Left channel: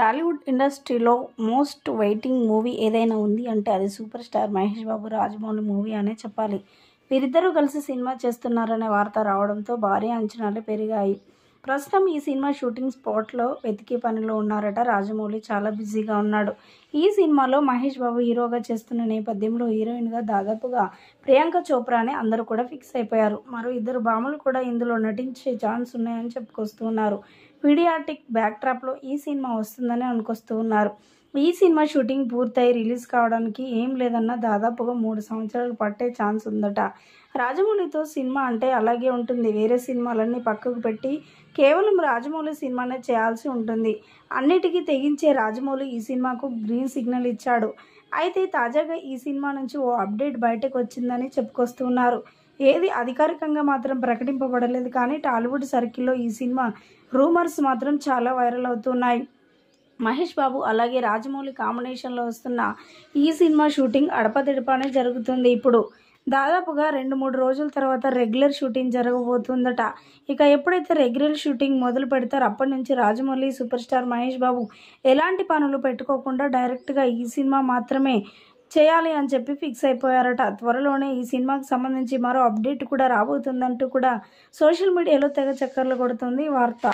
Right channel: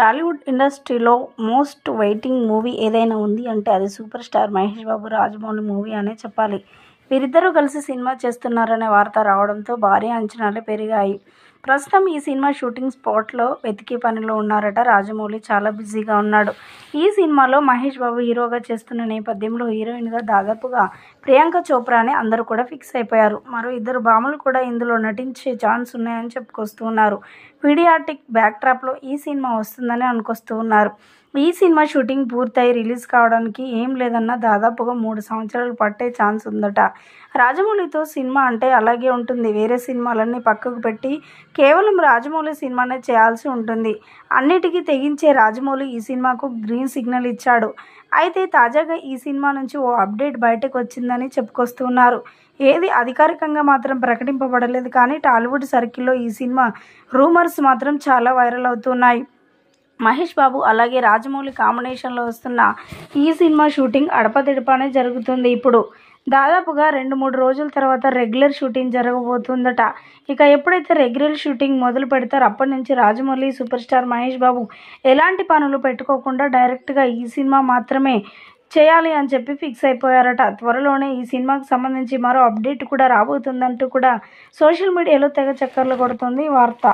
టాలీవుడ్ ఇండస్ట్రీలో most waiting movie ఏదైనా ఉంది అంటే అది super star Mahesh Babu Rajamouli movie అనే చెప్పాలి. వీరిద్దరూ కలిసి సినిమా చేస్తున్నారనే వార్త రావడంతో భారీ అంచనాలు పెరిగాయి. ప్రస్తుతం ఈ సినిమా షూటింగ్ స్పాట్లో వెతికే పనిలో ఉన్నారట. రాజమౌళి చాలా బిజీగా ఉన్నాడు. ఈ సినిమాలో మహేష్ బాబు హీరోగా చేస్తున్న నేపథ్యంలో హీరోయిన్గా దాదాపుగా ప్రియాంక చోప్రాని అందరూ కూడా ఫిక్స్ అయిపోయారు. మరో ఇద్దరు భామలు కూడా ఇందులో నటించే ఛాన్స్ ఉన్నాయని చెప్పుకొస్తూ ఉన్నారు. పీడియాట్రిక్ బ్యాక్డ్రాప్లో ఈ సినిమా వస్తుందని అనుకొస్తూ ఉన్నారు. ఈ సినిమా షూటింగ్ పూర్తయి రిలీజ్ కావడానికి ఏం లేదన్నా దాదాపుగా 3 సంవత్సరాలు పట్టే ఛాన్స్ ఉందట. రాజమౌళితో సినిమా అంటే అలాగే ఉంటుంది. వేరే సినిమాలన్నీ పక్కకు పెట్టి కేవలం రాజమౌళి సినిమానే చేయాల్సి ఉంటుంది. అన్నిటికీ తెగించే రాజమౌళి ఈ సినిమాకు గ్రీన్ సిగ్నల్ ఇచ్చాడు. అయితే తాజాగా ఈ సినిమా నుంచి ఓ అప్డేట్ బయటకు వచ్చిందని చెప్పుకొస్తున్నారు. ఏది అధికారికంగా మాత్రం ప్రకటింపబడలేదు. కానీ టాలీవుడ్ సర్కిల్లో ఈ సినిమా రూమర్స్ మాత్రం చాలా వైరల్ అవుతున్నాయి. మహేష్ బాబు అలాగే రాజమౌళి కాంబినేషన్లో వస్తున్న ఈ సినిమా షూటింగ్ అడపదడపానే జరుగుతుంది. ఇప్పుడు దాదాపుగా 2-3 రోజుల తర్వాత రెగ్యులర్ షూటింగ్ జరగబోతుందట. ఇక ఎప్పుడైతే రెగ్యులర్ షూటింగ్ మొదలు పెడతారో అప్పటి నుంచి రాజమౌళి, సూపర్ స్టార్ మహేష్ బాబు ఎలాంటి పనులు పెట్టుకోకుండా డైరెక్ట్గా ఈ సినిమా మాత్రమే చేయాలి అని చెప్పి ఫిక్స్ అయిపోయారట. త్వరలోనే ఈ సినిమాకు సంబంధించి మరో అప్డేట్ కూడా రాబోతుందంటూ కూడా సోషల్ మీడియాలో తెగ చక్కర్లు కొడుతుంది ఈ వార్త.